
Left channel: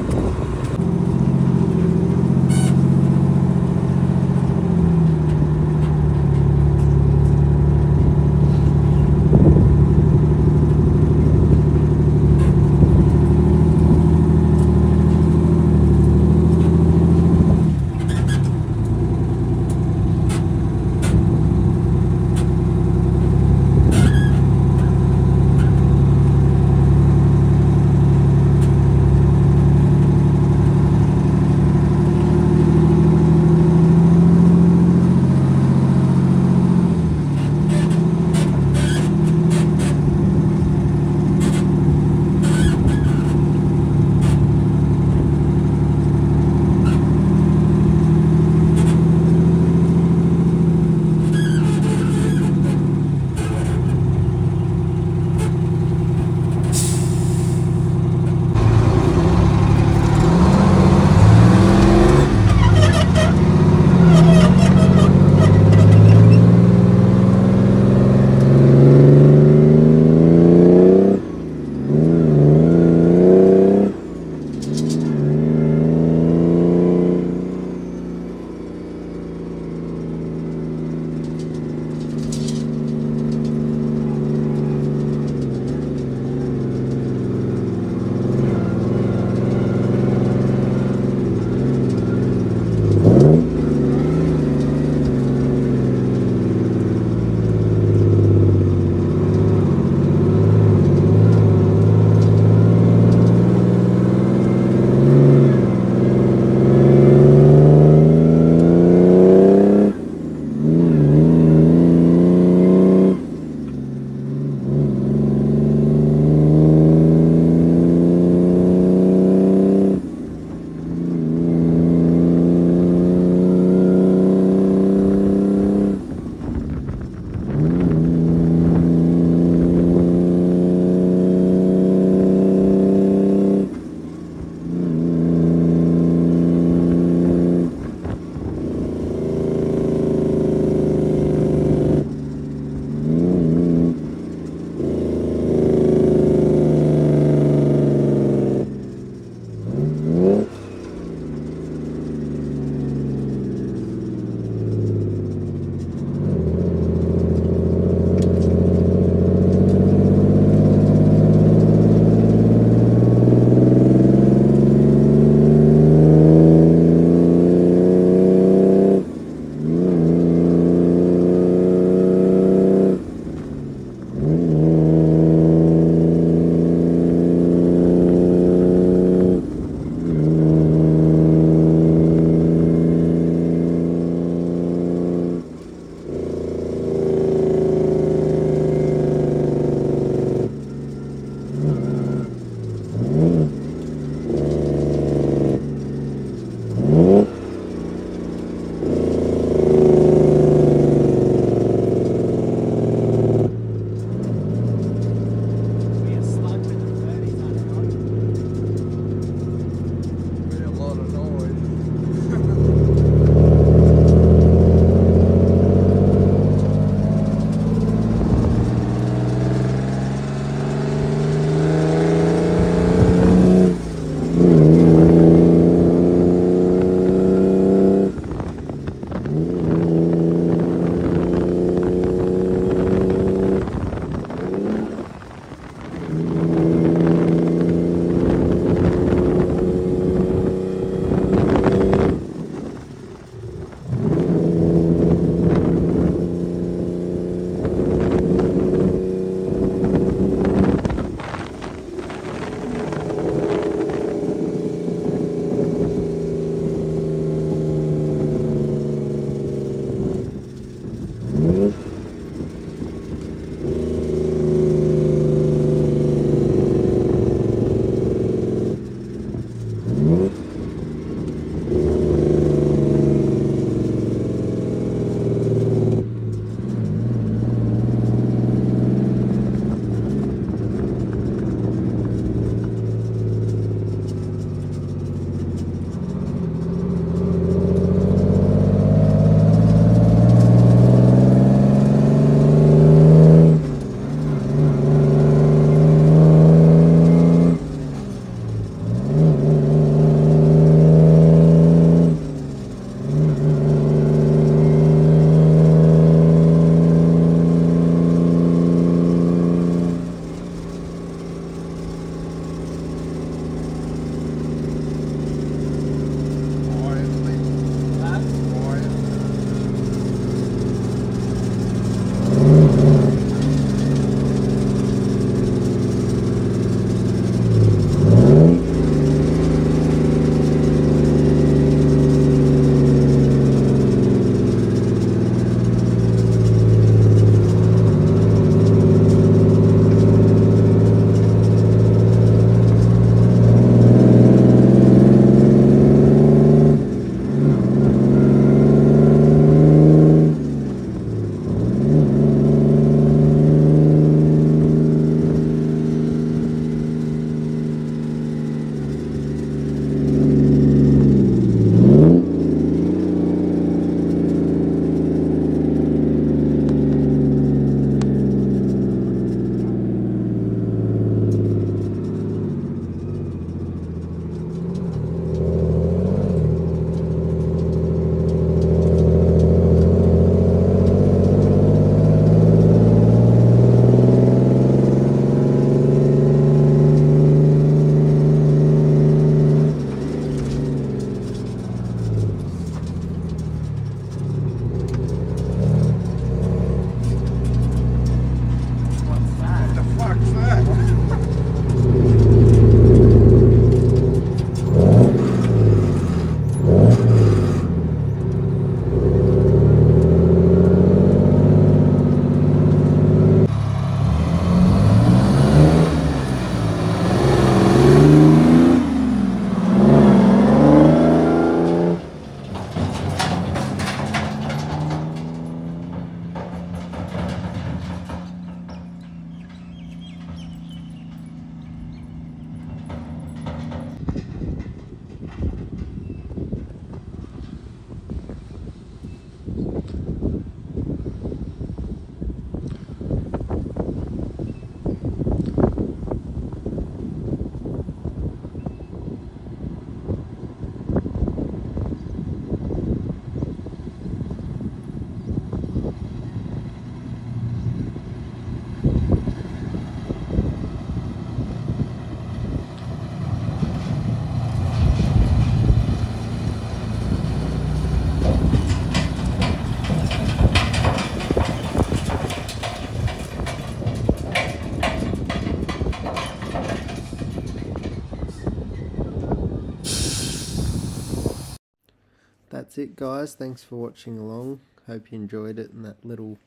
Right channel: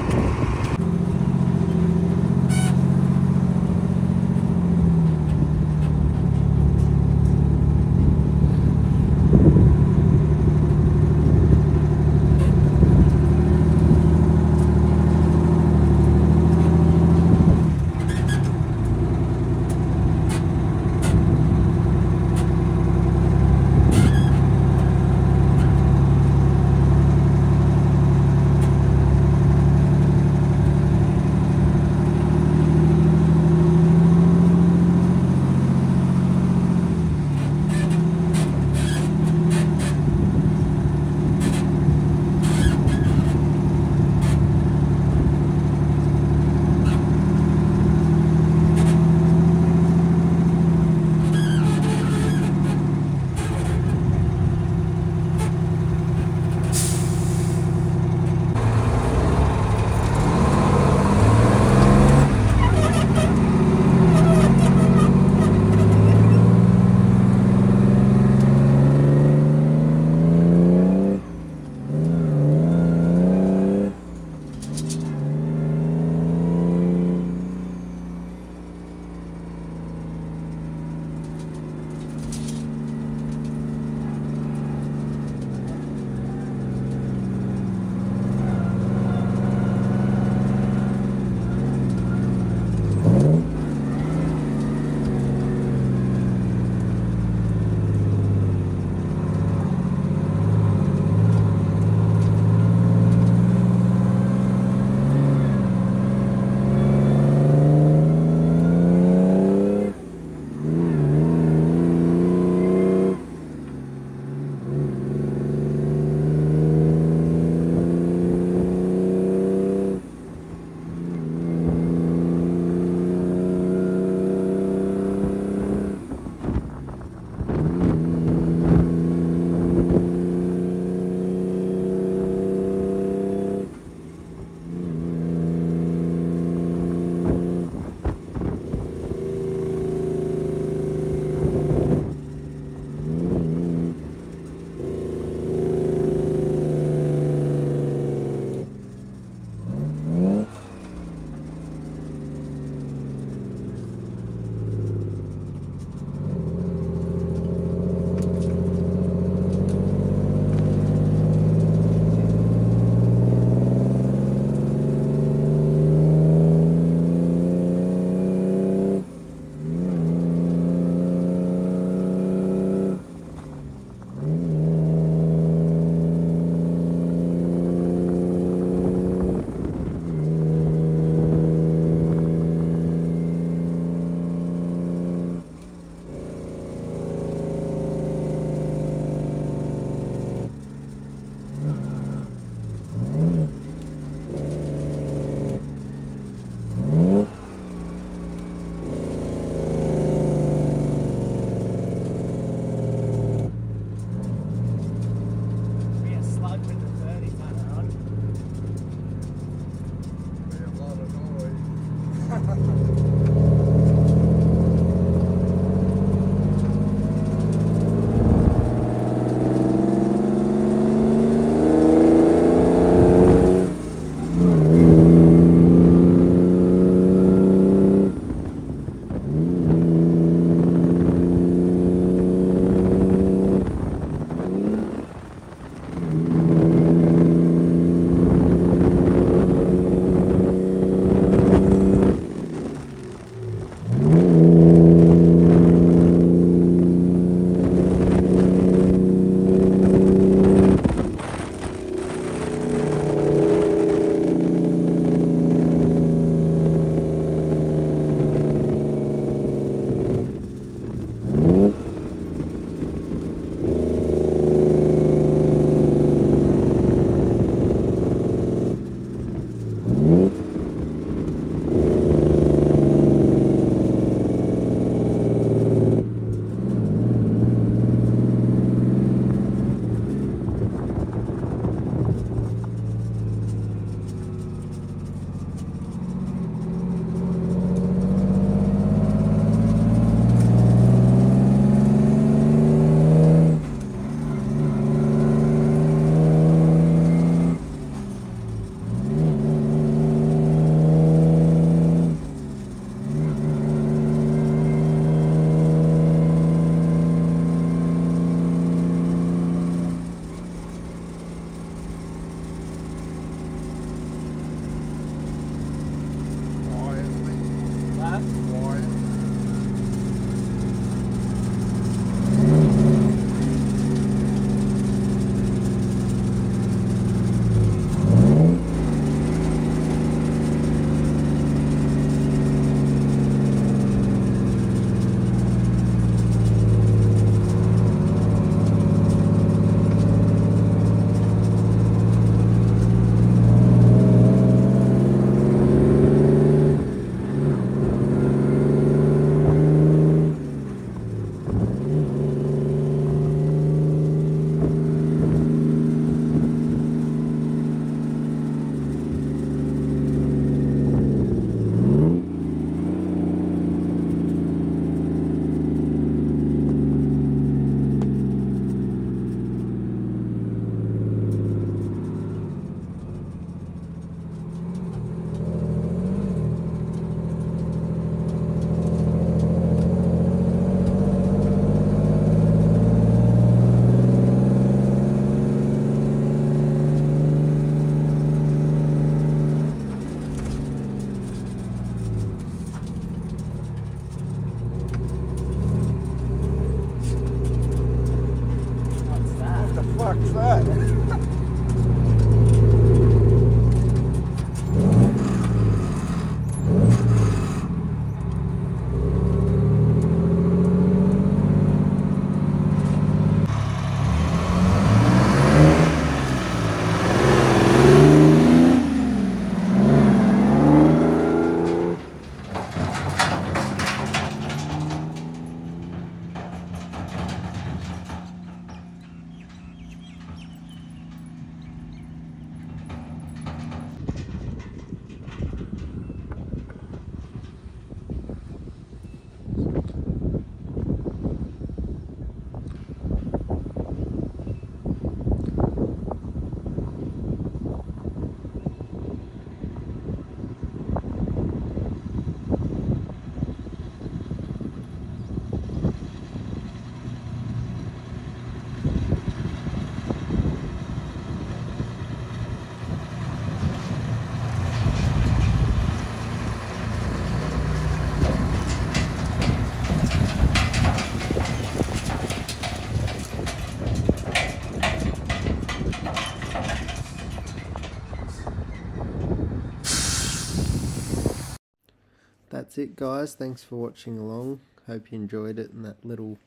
that's it, guys. Thanks for watching along. Hope you enjoyed it, and that little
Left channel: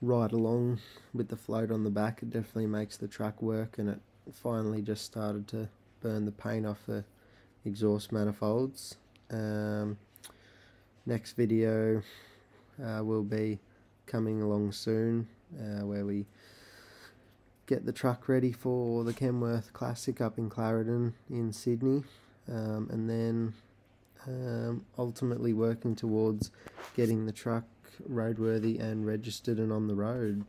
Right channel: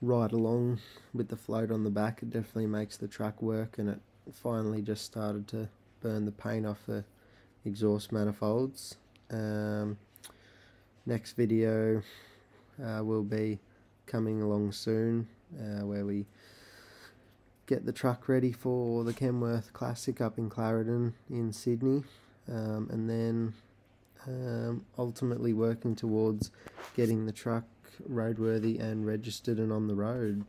ride along with the float on the back, it definitely makes the truck work, and it finally just started to burn the paint off the exhaust manifolds. Next video will be coming along soon, where we get the truck ready for the Kenworth Classic up in Clarendon in Sydney, and then ultimately working towards getting the truck roadworthy and registered and on the road.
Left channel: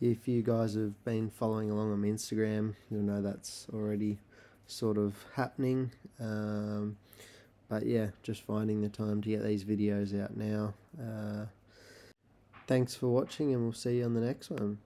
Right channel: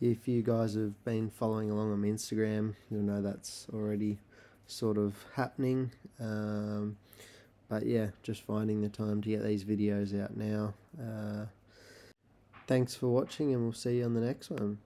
If you guys have been following along on Instagram, you'll know that's already sort of happening. But yeah, just finding the time to get these videos out now. Thanks for watching, and we'll see you on the next one.